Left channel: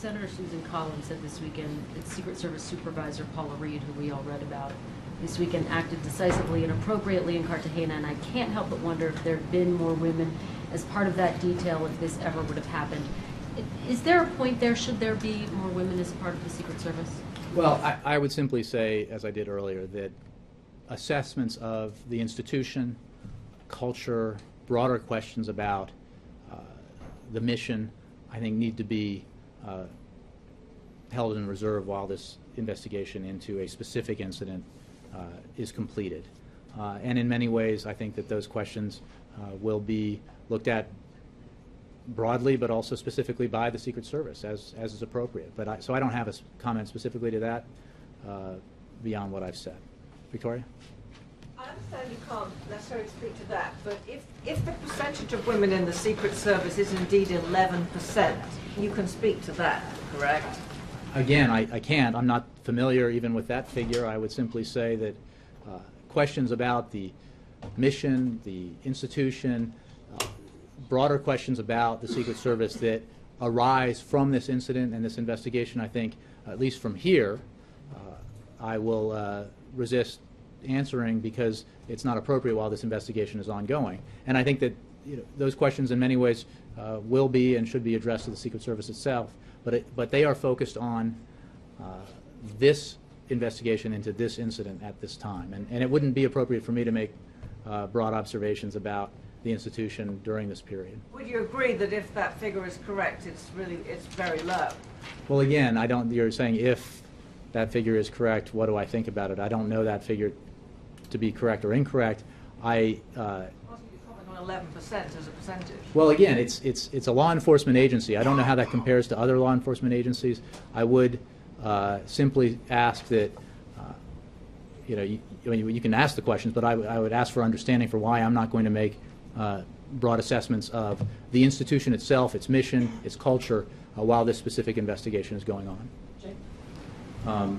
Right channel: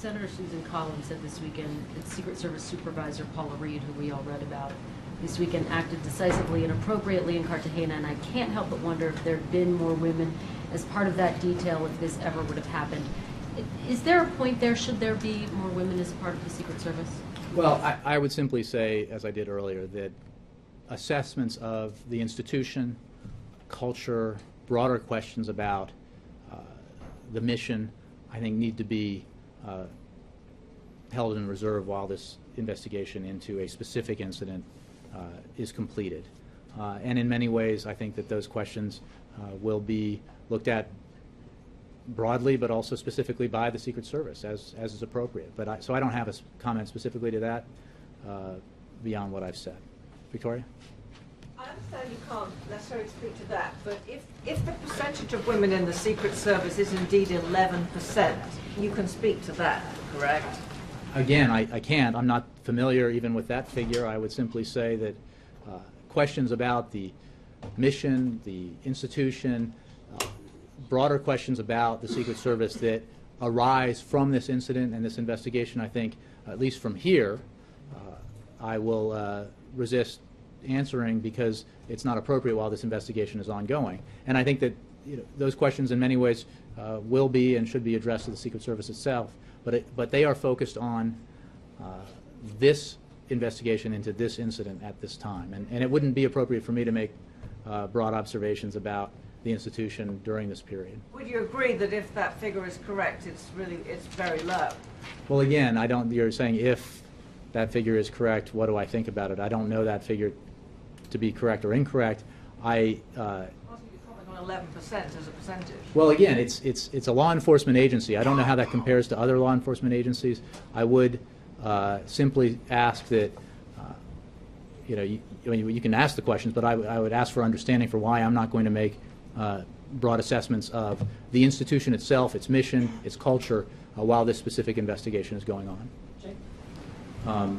Senator Susan Collins said this weekend that Secret Service Supervisor Paula Reed, who we all read about this weekend, acted decisively and appropriately in Cartagena, and I can't help but wonder if there had been more women as part of that detail if this ever would have happened. Is there a point there? Should there be more women as part of the Secret Service? Well, I would simply say, as I did earlier, that assessments of the institution, culture, broader questions about the mission, I think need to be held in reserve while this investigation into a specific incident is completed. And in many ways, I think that those questions will be looked at broadly, but also specifically by the Secret Service, as is appropriate. But so I don't have a comment specifically to that beyond what I've said. Victoria? I understand you can't necessarily speak to that, but if the percentage of women in the Secret Service is indeed 11%, you can speak to that, correct? Again, I can't. I'm not familiar even with that figure. I would simply say that questions about the mission, the institution, broader questions about the Secret Service that arise from this incident and this investigation, I think, at least from here, I will resist answering because it's not appropriate while this investigation is ongoing. And I think that those questions in many ways will be and should be addressed to the Secret Service itself, but they are focused on this investigation into this incident at this time. And it wouldn't be appropriate for me to make broad observations about the institution during this period. Would you agree that if that figure is correct, it's very low? Well, again, you're saying if that figure is correct, what do I think about it? I don't know that figure to be correct or incorrect. Possibly comment on 11% as a percentage. Well, again, it's a law enforcement agency. I don't know how that compares to other law enforcement agencies. I would simply ask that you can ask the questions, but I would ask for understanding for why I'm not going to make broad assessments of the institution itself, its mission, its culture, while this specific investigation is going on.